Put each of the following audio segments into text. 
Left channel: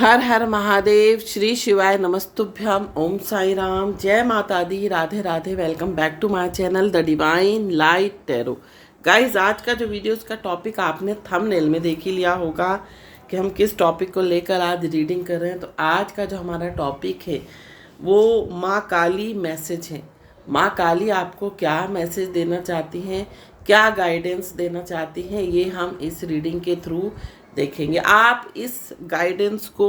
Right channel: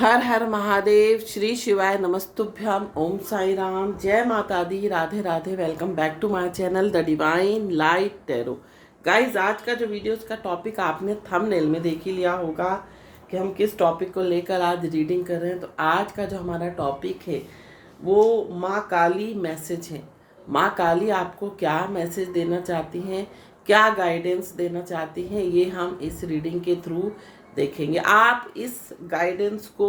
हर हर महादेव। श्री शिवाय नमस्तुभ्यम। ओम साई राम। जय माता दी। Radhe Radhe. Welcome back to my channel the divine light tarot. Guys, आज का जो वीडियो का टॉपिक आपने थंबनेल में देख ही लिया होगा कि हम किस टॉपिक को लेकर आज रीडिंग कर रहे हैं। तो आज का जो हमारा टॉपिक है वो माँ काली मैसेज है। माँ काली आपको क्या मैसेज देना चाहती हैं, क्या गाइडेंस देना चाहती हैं, ये हम इस रीडिंग के थ्रू देखेंगे। आप इस गाइडेंस को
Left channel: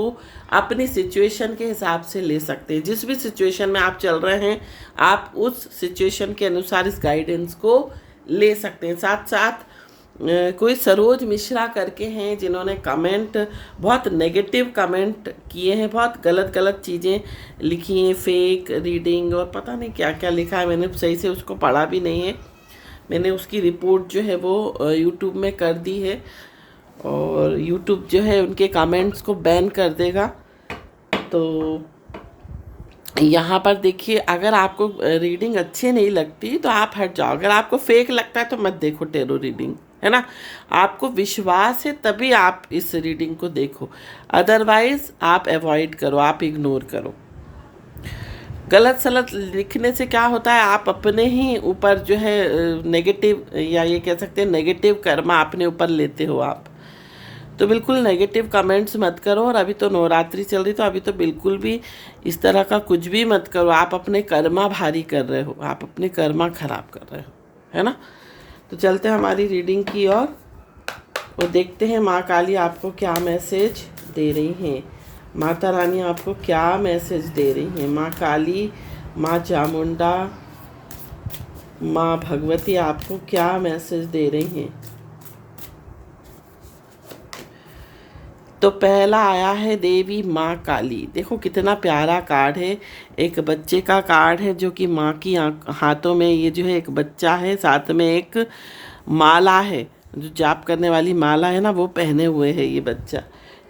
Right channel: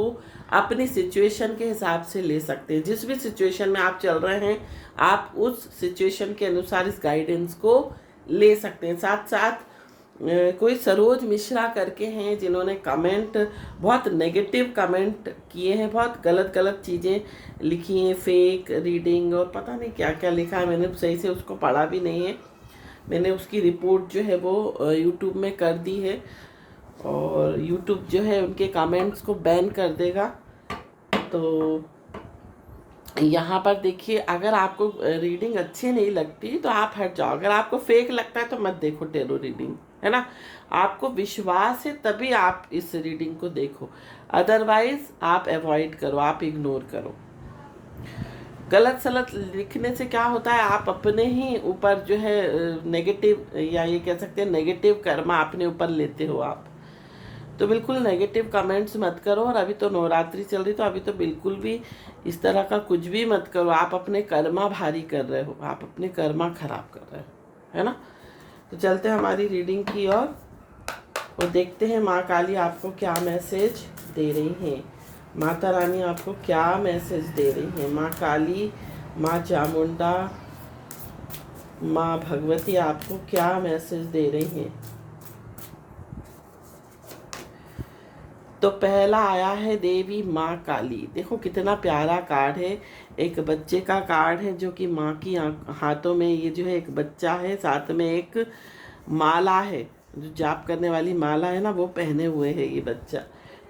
अपनी सिचुएशन के हिसाब से ले सकते हैं। जिस भी सिचुएशन में आप चल रहे हैं आप उस सिचुएशन के अनुसार इस गाइडेंस को ले सकते हैं। साथ साथ कोई सरोज मिश्रा करके हैं जिन्होंने कमेंट, बहुत नेगेटिव कमेंट किए हैं, बहुत गलत गलत चीज़ें लिखी हैं, फेक रीडिंग और पता नहीं क्या क्या लिखा है। मैंने सही से उसको पढ़ा भी नहीं है। मैंने उसकी रिपोर्ट जो है वो यूट्यूब में कर दी है और यूट्यूब जो है उनके कमेंट्स को बैन कर देगा। तो यहाँ पर देखिए, अगर आपको रीडिंग अच्छी नहीं लगती तो आप हट जाओ। अगर आपको फेक लगता है तो मत देखो टैरो रीडिंग, है ना। आपको विश्वास है तभी आप इस रीडिंग को देखो, अदरवाइज आप अवॉइड करो, आप इग्नोर करो। गलत सलत लिखने से क्या होता है, आप अपने ही ऊपर जो है नेगेटिव, या ये कह सकते हैं नेगेटिव कर्मा अपने ऊपर लेते हो आप। तो बिल्कुल नेगेटिव कमेंट्स मत करो। और अभी तो नवरात्रि चल रही, तो अभी तो बिल्कुल भी इस तरह का कुछ भी मत करो। आप अपने कर्मा भारी कर रहे हो, आप अपने कर्मा खराब कर रहे हो, है ना। तो चलते हैं हमारी रीडिंग की और देखते हैं माँ काली आपको क्या मैसेज दे रही हैं, माता रानी आपको क्या मैसेज दे रही हैं। माँ काली, माँ चामुंडा, माँ भगवती आपको क्या मैसेज दे रही हैं। तो पहला आया है देवी माँ काली। देखो कितना प्यारा कार्ड है। एक बच्चे का कार्ड है जो कि माँ की हाथों में ये जो है एक बच्चा है, साथ में एक माला है, जो जाप करने वाली माला है ना, वो पहने हुए है ये बच्चा।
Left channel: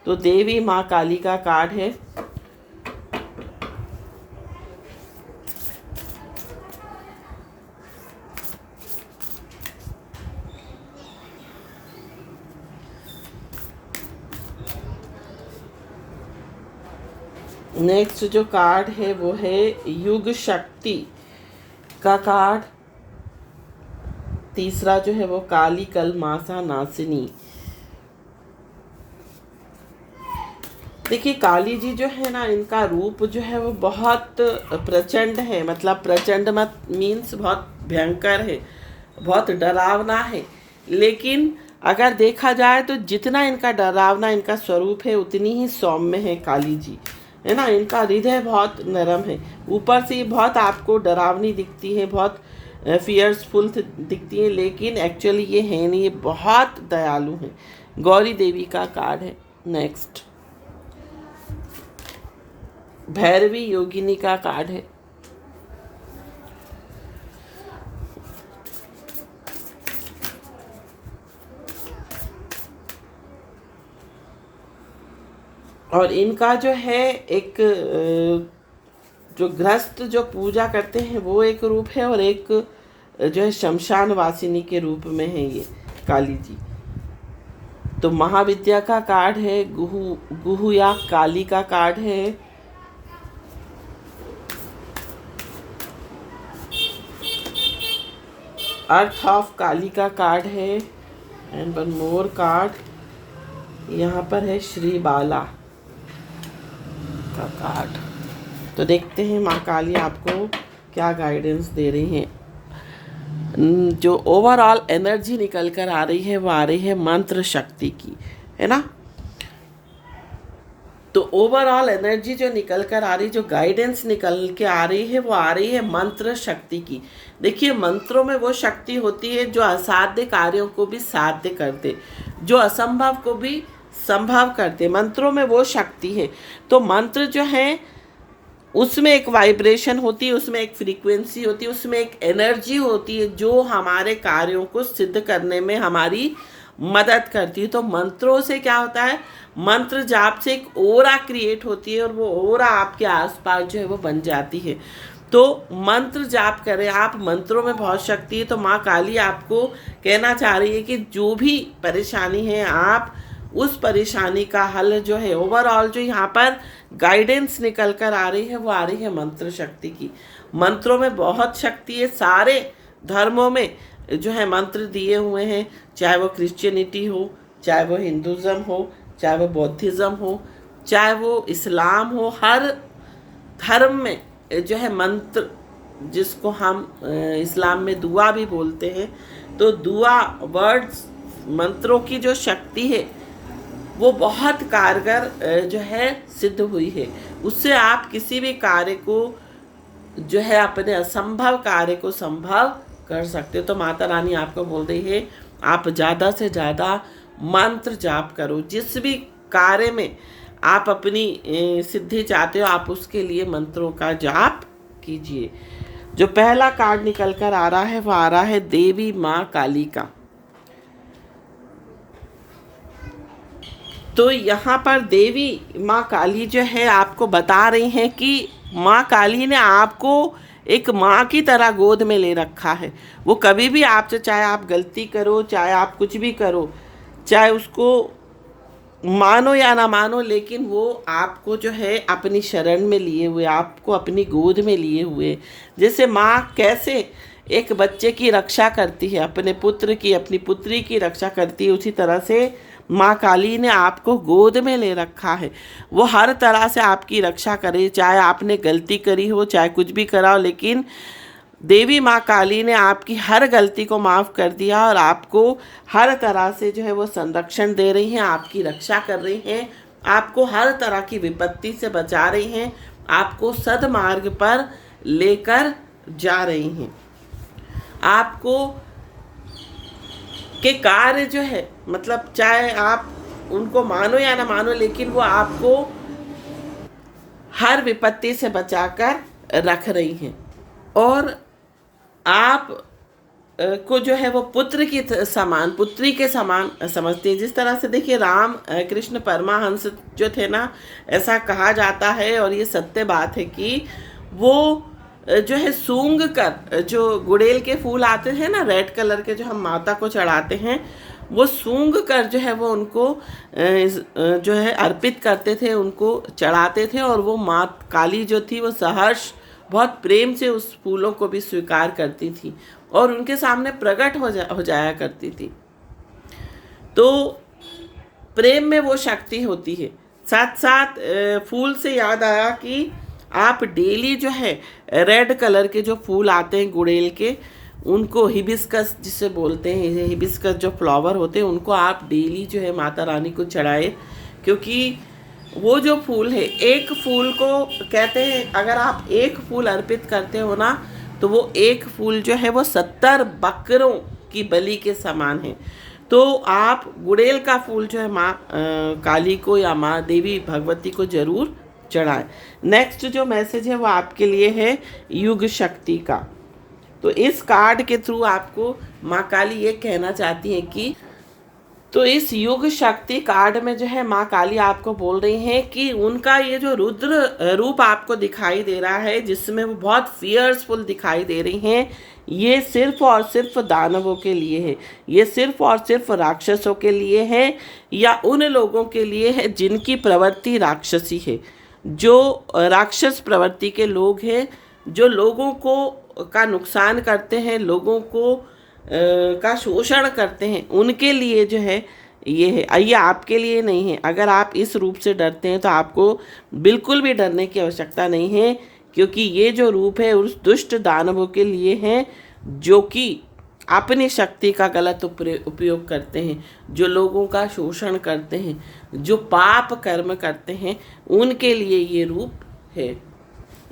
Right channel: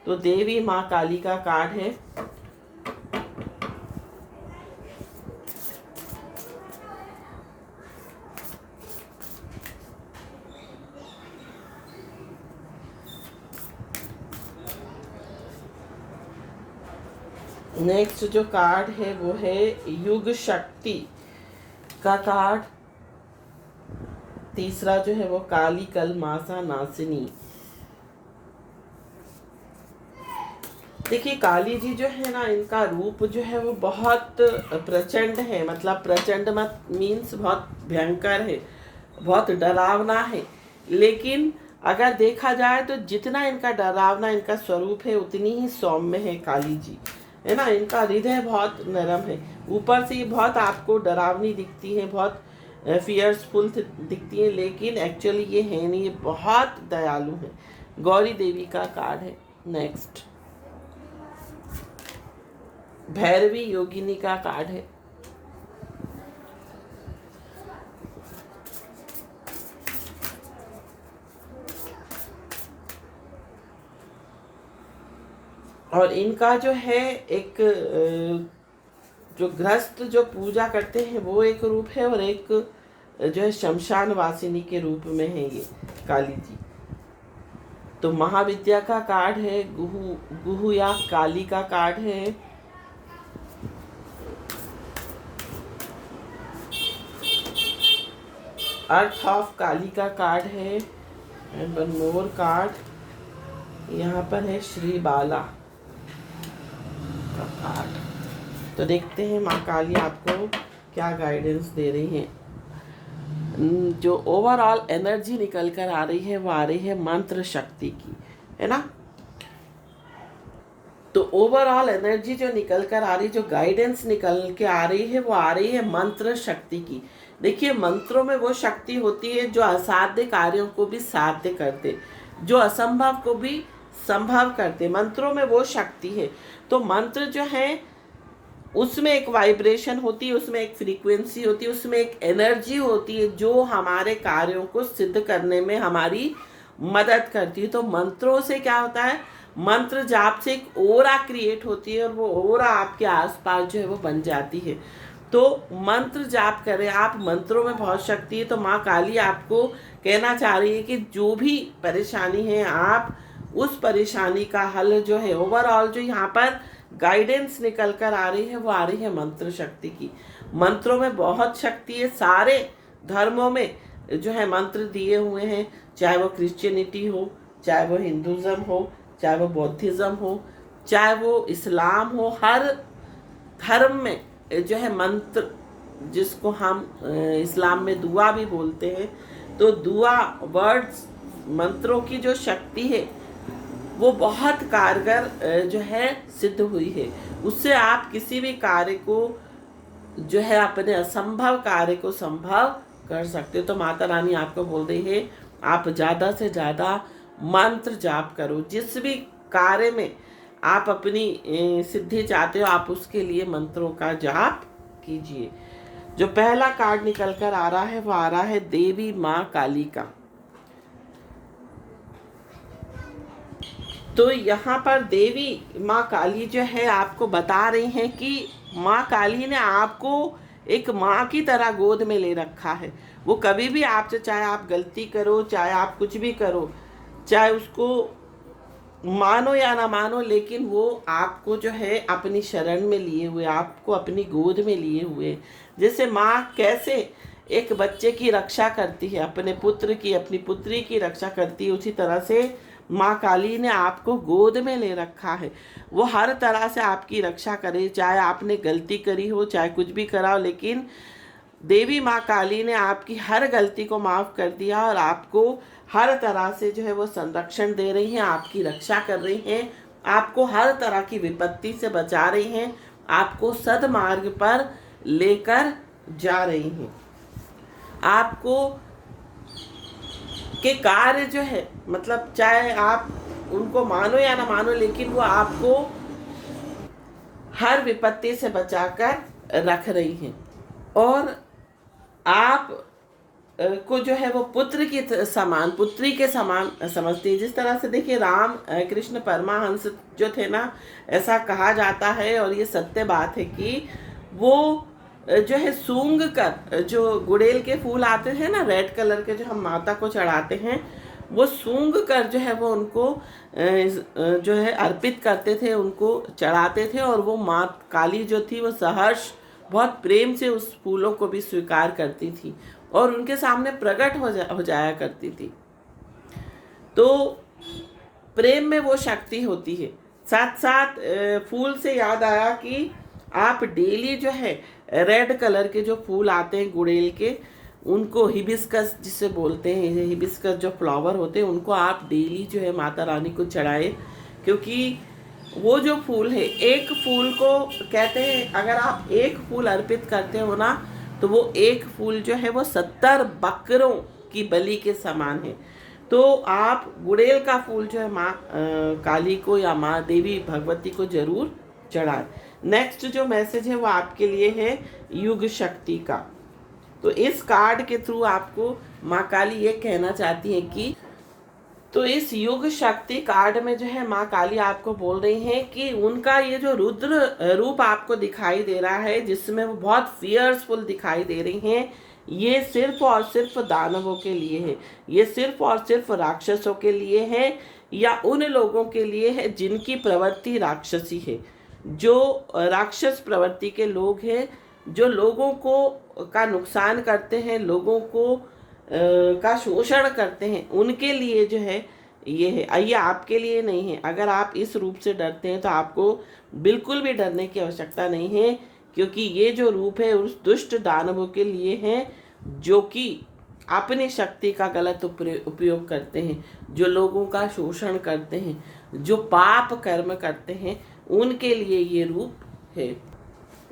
तो देवी माँ काली का कार्ड है। नेक्स्ट जो कार्ड है वो है युग शक्ति का कार्ड। तीसरा जो है वो काली कलमासा नासिनी। देखिए, काली जी जो है ना, इनका रूप जो है वो बहुत प्रचंड है। मतलब प्रचंड मत मीन्स बहुत भयंकर है, बहुत डरावना है। लेकिन अगर देखा जाए तो जितना इनका डरावना इनका स्वरूप है उतनी ही सौम्य है काली जी, है ना। इनका हृदय बहुत नरम है। ऊपर से ये बहुत आपको डरावनी दिखती है, बहुत फियर्सफुल दिखती है, लेकिन एक्चुअली ये है नहीं, ये बहुत दयालु है। गौरी देवी का कार्ड है। नेक्स्ट भैरवी योगिनी का कार्ड है। और इनका जो है एक जो गृहस्थ जो पूजा करते हैं वो एक रूप है, और एक जो है शमशान वासिनी के रूप में है ये काली जी। तो महाविद्या का कार्ड है। गुहु या काली का कार्ड है। अर्थ ऑफ काली का कार्ड है। एंड वन मोर कार्ड यहाँ पर है श्री बाला का कार्ड। तो देखते हैं माँ काली आपको क्या गाइडेंस दे रही हैं। जो ओवरऑल एनर्जी निकल कर आ रही है वो आ रही है मंत्र शक्ति की, है ना। तो ओवरऑल एनर्जी जो निकल कर आ रही, जो गाइडेंस निकल के आ रही है वो आ रही है मंत्र शक्ति की। देखिए, मंत्रों में वो शक्ति होती है जो असाध्य कार्यों को भी साध्य करते, जो असंभव को भी संभव करते। मंत्रों में वो शक्ति है। तो मंत्र जो है उसमें एक वाइब्रेशन होती है, उसमें एक फ्रीक्वेंसी होती है, उसमें एक एनर्जी होती है जो हमारे कार्यों को सिद्ध करने में हमारी मदद करती है। तो मंत्रों से क्या होता है, मंत्र जाप से एक ओरा क्रिएट होती है और वो ओरा आपके आसपास जो है वो बन जाती है। तो मंत्र जाप करें आप, मंत्रों में बहुत शक्ति है। तो माँ काली आपको कहना चाह रही है कि जो भी परेशानी है आप उस परेशानी का हल जो है, ओवरऑल जो यहाँ पर गाइडेंस निकल कर आ रही है वो आ रही है मंत्र शक्ति की। मंत्रों में बहुत शक्ति है, सारे धर्मों में जो है मंत्र दिए हुए हैं, चाहे वो क्रिश्चियनिटी हो, चाहे वो हिंदुज़म हो, चाहे वो बौद्धिज़्म हो, चाहे वो इस्लाम हो, हर धर्म में जो है मंत्र, जिसको हम इस्लाम में दुआ भी बोलते हैं, तो दुआ वर्ड्स मंत्रों की जो शक्ति है वो बहुत कारगर जो है सिद्ध हुई है। उससे आप किसी भी कार्य को जो है, अपने असंभव कार्य को संभव कर सकते हो। तो माता रानी आपको बोल रही है आप ज़्यादा से ज़्यादा मंत्र जाप करो। जिस भी कार्य में आप अपनी सिद्धि चाहते हो, आप उसके लिए मंत्रों का जाप कीजिए। जो पहला कार्ड निकल कर आ रहा है वो आ रहा है देवी माँ काली का। तो यहाँ पर देवी माँ काली जो है आपको बता रही हैं कि माँ काली ने आपको एक माँ की तरह गोद में ले रखा है। वो कभी भी आपसे, चाहे आप गलती करो, चाहे आप कुछ भी करो, चाहे उसको मानो या ना मानो, लेकिन वो आपको जो है अपनी शरण में लिए हुए, आपको अपनी गोद में लिए हुए। जैसे माँ कैसे एक बच्चे की रक्षा करती है, अपने पुत्र की, अपनी पुत्री की रक्षा करती है, उसी तरह से माँ काली ने आपको गोद में ले रखा है। वो हर तरह से आपकी रक्षा करे, चाहे आपने गलती करी हो, चाहे कुछ भी करा हो, लेकिन देवी माँ काली ने आपकी हर गलती को माफ़ कर दिया और आपको हर तरह से जो है वो संरक्षण दे रही हैं, आपकी रक्षा कर रही हैं, आपको हर तरह की विपत्ति से बचा रही हैं, आपको सद्मार्ग पर लेकर जा रही हैं। आपको के कार्य जो है, मतलब चाहे आप उनको मानो या ना मानो, लेकिन वो आपको हर विपत्ति से बचाकर रख रही हैं और आप को जो है वो पुत्र की समान, पुत्री के समान समझते हैं। जिस तरह से देखिए राम कृष्ण परमहंस जो थे ना, ऐसा कहा जाता है और ये सत्य बात है कि वो जो है सूंघ कर, जो गुड़ेल के फूल आते हैं ना रेड कलर के, जो हम माता को चढ़ाते हैं, वो सूंघ कर जो है वो उनको जो है अर्पित करते थे, उनको चढ़ाते थे। और वो माँ काली जो थी वो सहर्ष बहुत प्रेम से उस फूलों को भी स्वीकार करती थी और उनके सामने प्रकट हो जाया करती थी। तो प्रेम में वो शक्ति होती है। साथ साथ फूल से याद आया कि आप डेली जो है रेड कलर के जो फूल आते हैं गुड़ेल के, उनको हिबिस्कस जिसे बोलते हैं, हिबिस्कस जो फ्लावर होते हैं, उनको आप डेली जो है माता रानी को चढ़ाए। क्योंकि वो जो फूल है, एक फूल को कहते हैं, अगर आप एक फूल अर्पित करते हो ना, तो वो एक फूल जो है वो 70 बकरों की बलि के समान है। तो आप गुड़ेल का फूल जो है माँ काली को या माँ देवी भगवती को जरूर चढ़ाएं। नेक्स्ट जो मैसेज है वो आपके लिए है युग शक्ति का। तो इस कार्ड के थ्रू आपको माँ काली ये कहना चाहती है कि, तो इस युग शक्ति कार्ड में जो है माँ काली आपको बोल रही हैं कि उनका ये जो रुद्र रूप आपको दिखाई दे रहा है, जिसमें वो बहुत फियर्सफुल दिखाई दे रही हैं, ये सिर्फ और सिर्फ दानवों के लिए है, ये सिर्फ और सिर्फ राक्षसों के लिए है, या उन लोगों के लिए है जिनकी प्रवृत्ति राक्षसी है, जो राक्षस प्रवृत्ति के लोग हैं, जो लोगों को का नुकसान करते हैं, लोगों को का शोषण करते हैं, उनके लिए जो है ये है। ये आपके लिए नहीं है। अगर आप इस रूप से डरते हैं तो आपको बिल्कुल भी डरने की आवश्यकता नहीं है, क्योंकि ये जो रूप है उस दुष्ट दानवों के लिए है जो कि अपनी शक्ति का गलत उपयोग करते हैं, जो लोगों का शोषण करते हैं, जो पाप कर्म करते हैं, उनके लिए ये रूप है।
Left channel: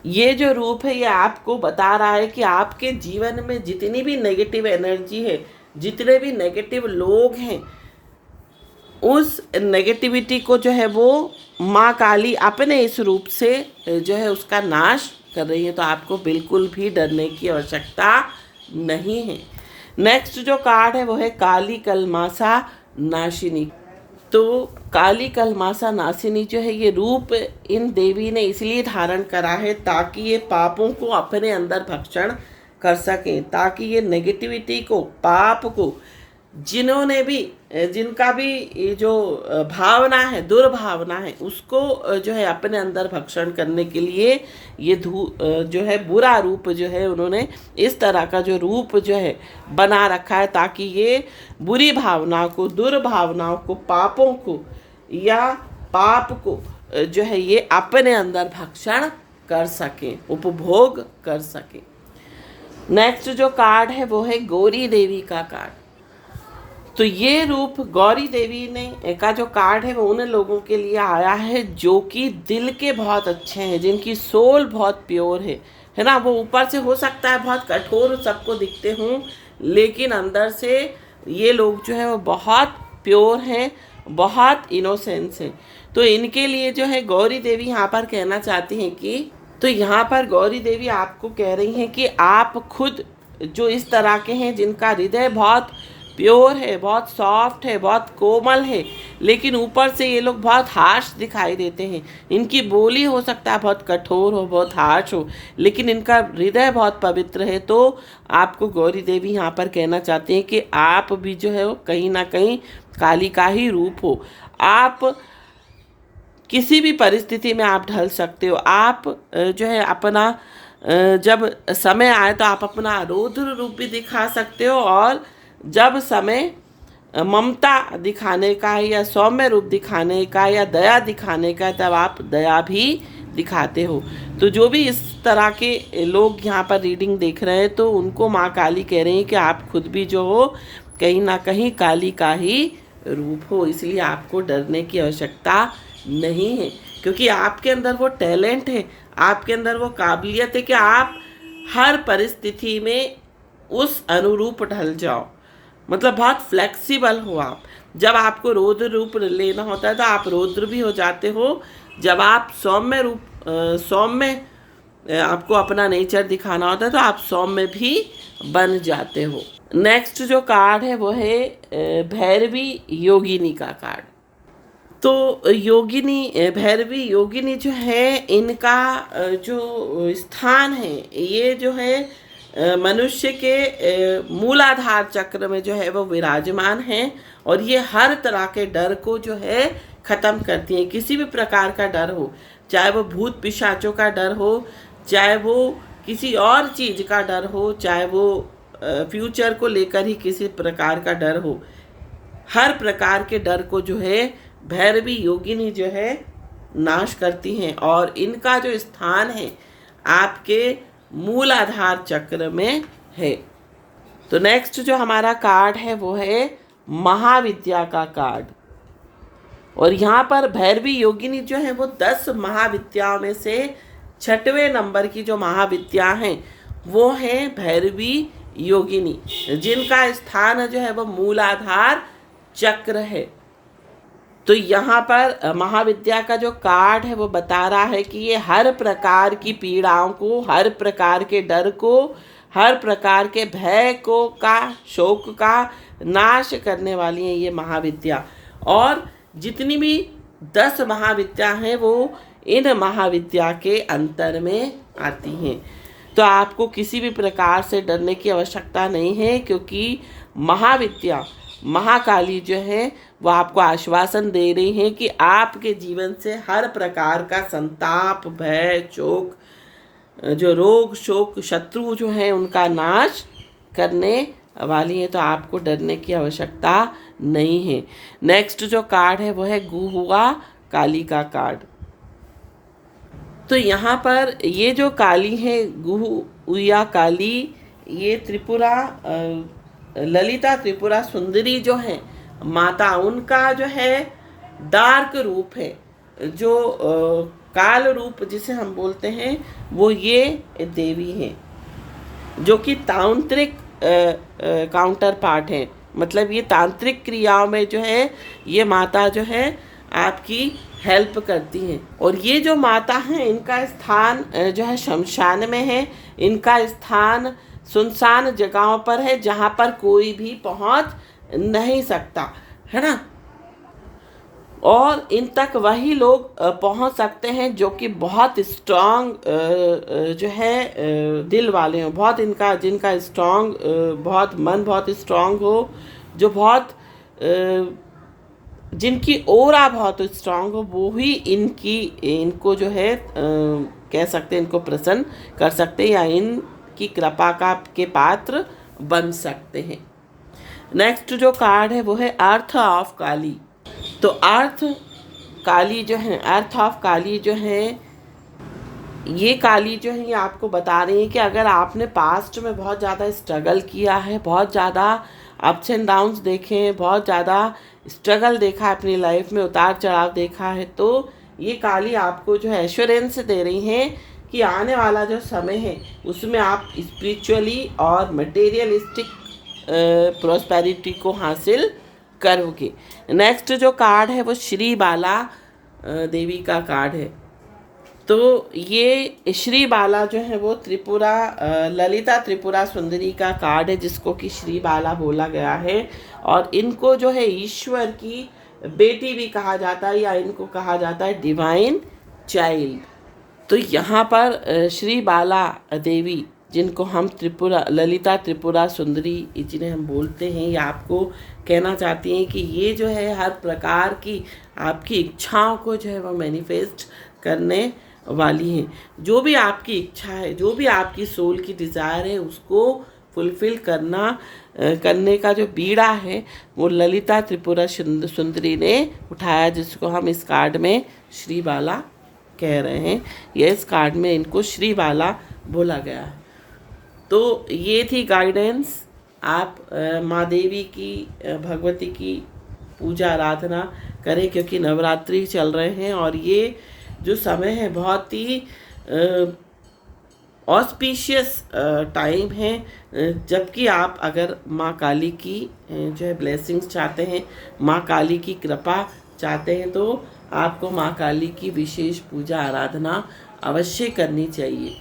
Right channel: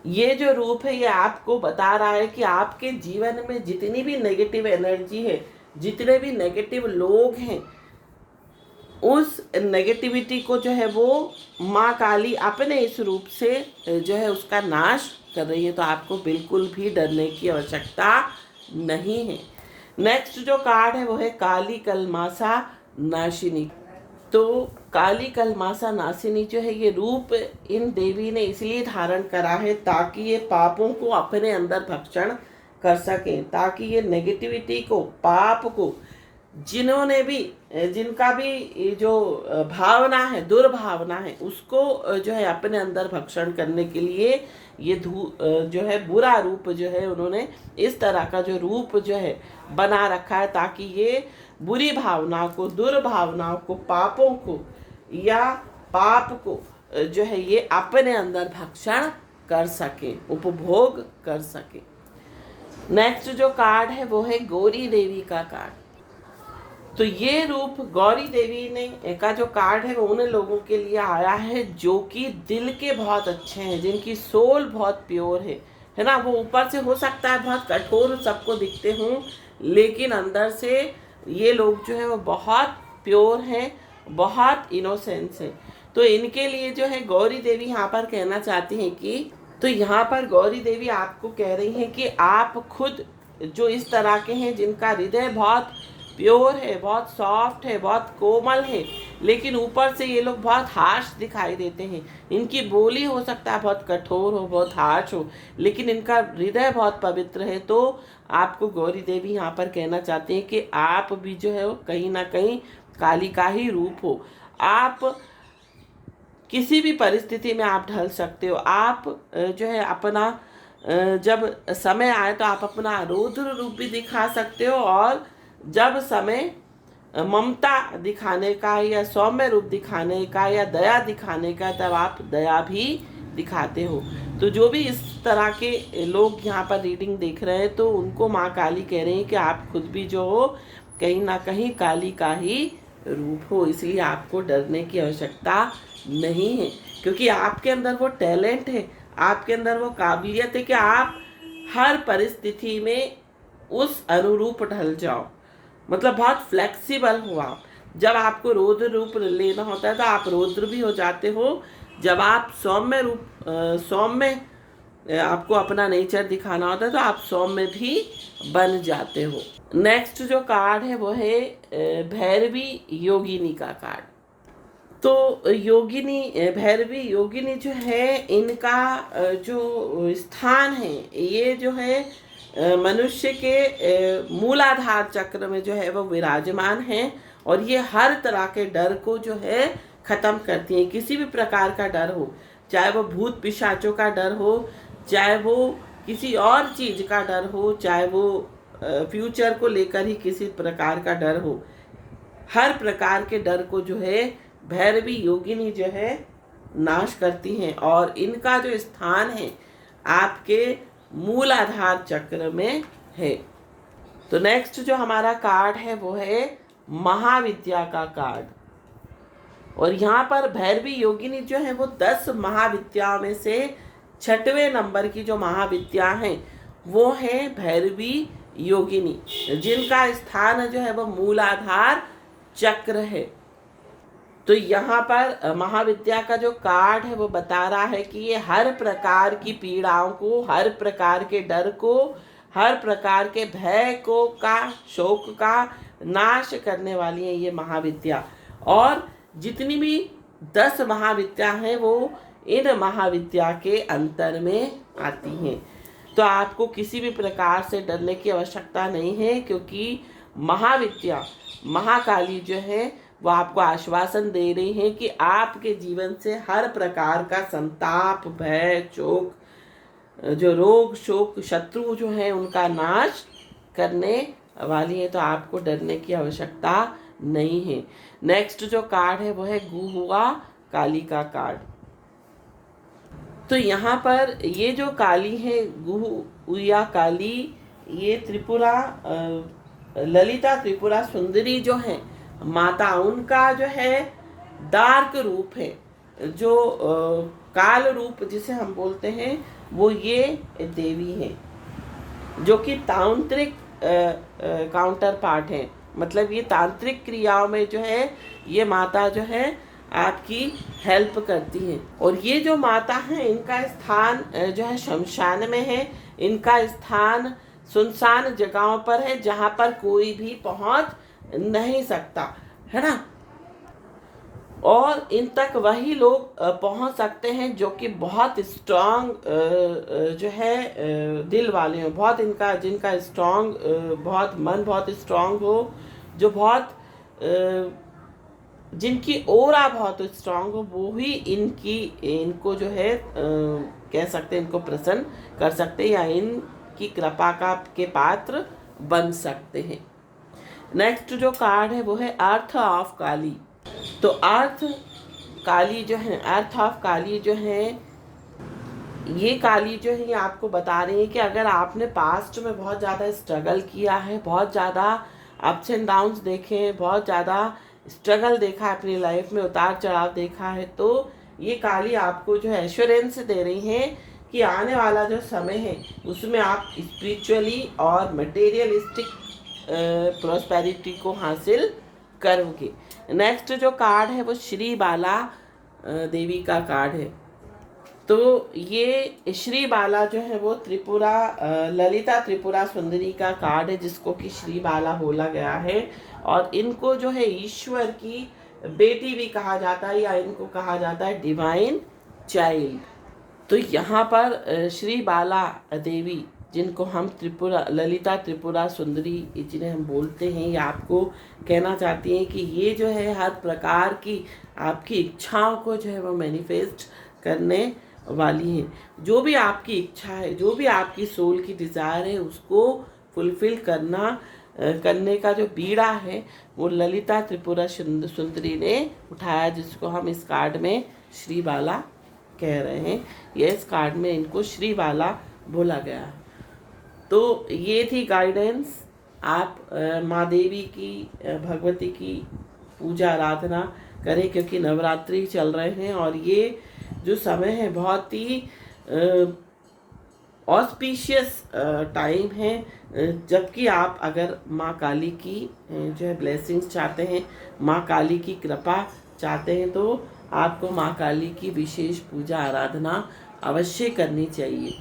ये जो रूप है ये आपको बता रहा है कि आपके जीवन में जितनी भी नेगेटिव एनर्जी है, जितने भी नेगेटिव लोग हैं, उस नेगेटिविटी को जो है वो माँ काली अपने इस रूप से जो है उसका नाश कर रही है। तो आपको बिल्कुल भी डरने की आवश्यकता नहीं है। नेक्स्ट जो कार्ड है वो है काली कलमासा नाशिनी। तो काली कलमासा नासिनी जो है ये रूप इन देवी ने इसलिए धारण करा है ताकि ये पापों को अपने अंदर भक्षण कर सकें, ताकि ये नेगेटिविटी को, पाप को जिन्होंने भी जिनका भी ये जो भावना है, दुर्भावना है, उसको जो है अपने अंदर भक्षण करने के लिए ये जो है बुरा रूप जो है उन्होंने इस तरह का जो रूप जो है बना रखा है, ताकि ये बुरी भावनाओं को, दुर्भावनाओं को, पापों को या पाप को जो है ये अपने अंदर भक्षण कर सके, उपभोग कर सके। नेक्स्ट जो कार्ड है वो है गौरी देवी का कार्ड। तो ये रूप गौरी देवी ने का जो कार्ड है वो उन लोगों के लिए आया है जो कि दिल के बहुत अच्छे हैं, जिनकी सोल बहुत प्योर है ना। वो ऊपर से हो सकता है बहुत कठोर सबको दिखते हों, लेकिन अंदर से ये लोग जो है वो बहुत प्योर हैं, बहुत इनोसेंस है। तो इनके लिए जो है गौरी देवी यहाँ पर कहना चाहती हैं कि, तो यहाँ पर गौरी देवी आपको कह रही हैं कि आप खुद जो इस तरह के हैं, जिनका हृदय बहुत प्योर है, बहुत सॉफ्ट है, बहुत कोमल है, लेकिन ऊपर से ये लोग बहुत हार्श दिखाई देते हैं। इनकी बोली हो सकता है बहुत कठोर हो, बहुत हार्श हो, लेकिन इनका हृदय बहुत पवित्र है। तो आपको गौरी देवी यहाँ पर कहना चाहते हैं कि आप भी जो है वो कहीं ना कहीं काली का ही रूप हो। आप किसी भी परिस्थिति में आप ढल सकते हो। आप जो है अपना जब समय आए तो आप अपना रौद्र रूप भी दिखा सकते हो, और जब समय ममता दिखाने का है या सौम्य रूप दिखाने का या दया दिखाने का, तब आप दया भी दिखाते हो। तो जो भी इस तरह के लोग यहाँ पर रीडिंग देख रहे हैं, तो उनको माँ काली कह रही हैं कि आप खुद भी जो हो कहीं ना कहीं काली का ही रूप हो, इसलिए आपको डरने की आवश्यकता नहीं है, क्योंकि आपके अंदर वो टैलेंट है, आपके अंदर वो काबिलियत है कि आप हर परिस्थिति में उस अनुरूप ढल जाओ। मतलब बहुत फ्लेक्सिबल हो आप। जब आपको रौद्र रूप लेना होता है तो आप रौद्र भी हो जाते हो। जब आप सौम्य आपको अपना नेचर दिखाना होता है तो आप सौम्य भी बन जाते हो। नेक्स्ट जो कार्ड है वो है भैरवी योगिनी का कार्ड। तो योगिनी, भैरवी योगिनी जो है, इनका जो स्थान है ये जो है मनुष्य के मूलाधार चक्र में जो है वो विराजमान है, और ये हर तरह के डर को जो है ख़त्म करती हैं। किसी भी प्रकार का डर हो, चाहे वो भूत पिशाचों का डर हो, चाहे वो किसी और चीज़ का डर हो, चाहे वो फ्यूचर को लेकर ही किसी प्रकार का डर हो, हर प्रकार के डर को जो है भैरवी योगिनी जो है नाश करती हैं। और इनका जो स्थान है आपके मूलाधार चक्र में है। तो नेक्स्ट जो हमारा कार्ड है वो है महाविद्या का कार्ड। और यहाँ पर भैरवी योगिनी जो है वो 10 महाविद्याओं में से 6वें नंबर की जो महाविद्या है वो है भैरवी योगिनी, जिनका स्थान जो है वो मूलाधार चक्र है। तो यहाँ पर महाविद्या का जो कार्ड है वो बता रहा है कि ये हर प्रकार की पीड़ाओं को, हर प्रकार के डर को, हर प्रकार के भय को का, शोक का नाश करने वाली है ये महाविद्या। और जितनी भी 10 महाविद्या हैं वो इन महाविद्या के अंतर में आती हैं। तो आपको किसी भी प्रकार से डरने की आवश्यकता नहीं है, क्योंकि महाविद्या, महाकाली जो है वो आपको आश्वासन दे रही है कि आपके जीवन से हर प्रकार का संताप, भय, शोक, जो रोग, शोक, शत्रु जो है उनका नाश करने वाली है। तो आपको डरने की आवश्यकता नहीं है। नेक्स्ट जो कार्ड है वो है गुहुआ काली का कार्ड। तो यहाँ पर ये जो काली है, गुहुआ काली, ये त्रिपुरा ललिता त्रिपुरा सुंदरी जो है माता, उनका जो है डार्क रूप है, जो काल रूप जिसे हम बोलते हैं वो ये देवी है, जो कि तांत्रिक काउंटर पार्ट है। मतलब ये तांत्रिक क्रियाओं में जो है ये माता जो है आपकी हेल्प करती हैं। और ये जो माता हैं इनका स्थान जो है शमशान में है, इनका स्थान सुनसान जगहों पर है जहाँ पर कोई भी पहुँच नहीं सकता, है ना। और इन तक वही लोग पहुंच सकते हैं जो कि बहुत स्ट्रांग जो है दिल वाले हो, बहुत जिनका स्ट्रांग, बहुत मन बहुत स्ट्रांग हो, जो बहुत जिनकी ओरा बहुत स्ट्रांग हो, वो ही इनको जो है कह सकते हैं, इनको प्रसन्न कर सकते हैं या इनकी कृपा के पात्र बन सकते हैं। नेक्स्ट जो कार्ड है वो है अर्थ ऑफ काली। तो अर्थ काली जो है, अर्थ ऑफ काली जो है, ये काली जो है ये आपको बता रही है कि अगर आपने पास्ट में बहुत ज़्यादा स्ट्रगल किया है, बहुत ज़्यादा अप्स एंड डाउन्स देखे हैं, बहुत ज़्यादा स्ट्रगल देखा है अपनी लाइफ में, उतार चढ़ाव देखा है, तो ये काली आपको जो है एश्योरेंस दे रही है कि आने वाला जो समय है उसमें आप स्पिरिचुअली और मटेरियलिस्टिक प्रॉस्पेरिटी को हासिल करोगे। नेक्स्ट जो कार्ड है वो श्री बाला देवी का कार्ड है। तो ये श्री बाला जो है वो त्रिपुरा ललिता त्रिपुरा सुंदरी का कार्ड है, जिसको कि श्री बाला बोला गया है। और इनको जो है ईश्वर की बेटी भी कहा जाता है, या इनको कहा जाता है डिवाइन चाइल्ड। तो यहाँ पर श्री बाला देवी, जिनको हम त्रिपुरा ललिता त्रिपुरा सुंदरी जिन्हें हम बोलते हैं, ये आपको कहना चाहती हैं कि ये जो है हर प्रकार की आपकी इच्छाओं को जो है वो मैनिफेस्ट करने वाली है। जो भी आपकी इच्छा है, जो भी आपकी सोल की डिज़ायर है, उसको फुलफिल करने का जो बीड़ा है वो ललिता त्रिपुरा सुंदरी ने उठाया, जिसको हम इस कार्ड में श्री बाला कह रहे हैं। ये इस कार्ड में इनको श्री बाला बोला गया है। तो ये थी गाइडेंस। आप माँ देवी की, भगवती की पूजा आराधना करें, क्योंकि नवरात्रि चल रहे हैं और ये जो समय है बहुत ही ऑस्पिशियस टाइम है। जबकि आप अगर माँ काली की जो है ब्लेसिंग्स चाहते हैं, माँ काली की कृपा चाहते हैं, तो आपको माँ काली की विशेष पूजा आराधना अवश्य करनी चाहिए।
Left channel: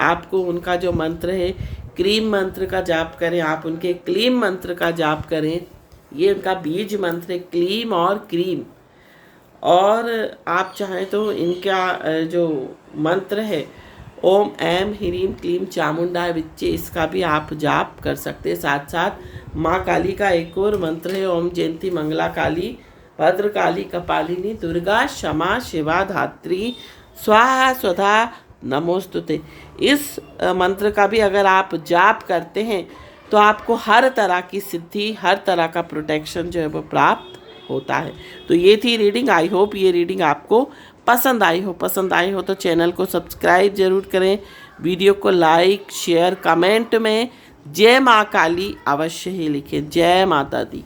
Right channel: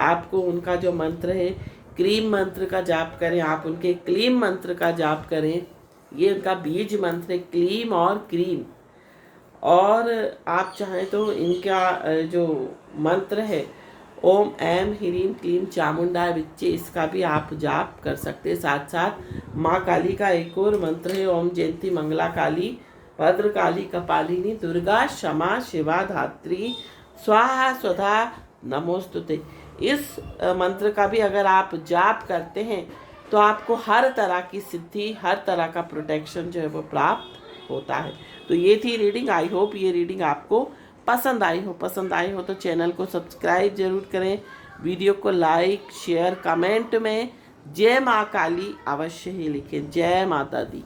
आपको उनका जो मंत्र है, क्रीम मंत्र का जाप करें, आप उनके क्लीम मंत्र का जाप करें। ये उनका बीज मंत्र है, क्लीम और क्रीम। और आप चाहें तो इनका जो मंत्र है ओम ऐम ह्रीम क्लीम चामुंडा विच्चे, इसका भी आप जाप कर सकते हैं। साथ साथ माँ काली का एक और मंत्र है ओम जयंती मंगला काली भद्र काली कपालिनी दुर्गा क्षमा शिवा धात्री स्वाहा स्वधा नमोस्तुते। इस मंत्र का भी अगर आप जाप करते हैं तो आपको हर तरह की सिद्धि, हर तरह का प्रोटेक्शन जो है वो प्राप्त होता है। तो ये थी रीडिंग। आई होप ये रीडिंग आपको पसंद आई हो तो चैनल को सब्सक्राइब जरूर करें, वीडियो को लाइक शेयर कमेंट में जय माँ काली अवश्य ही लिखें। जय माता दी।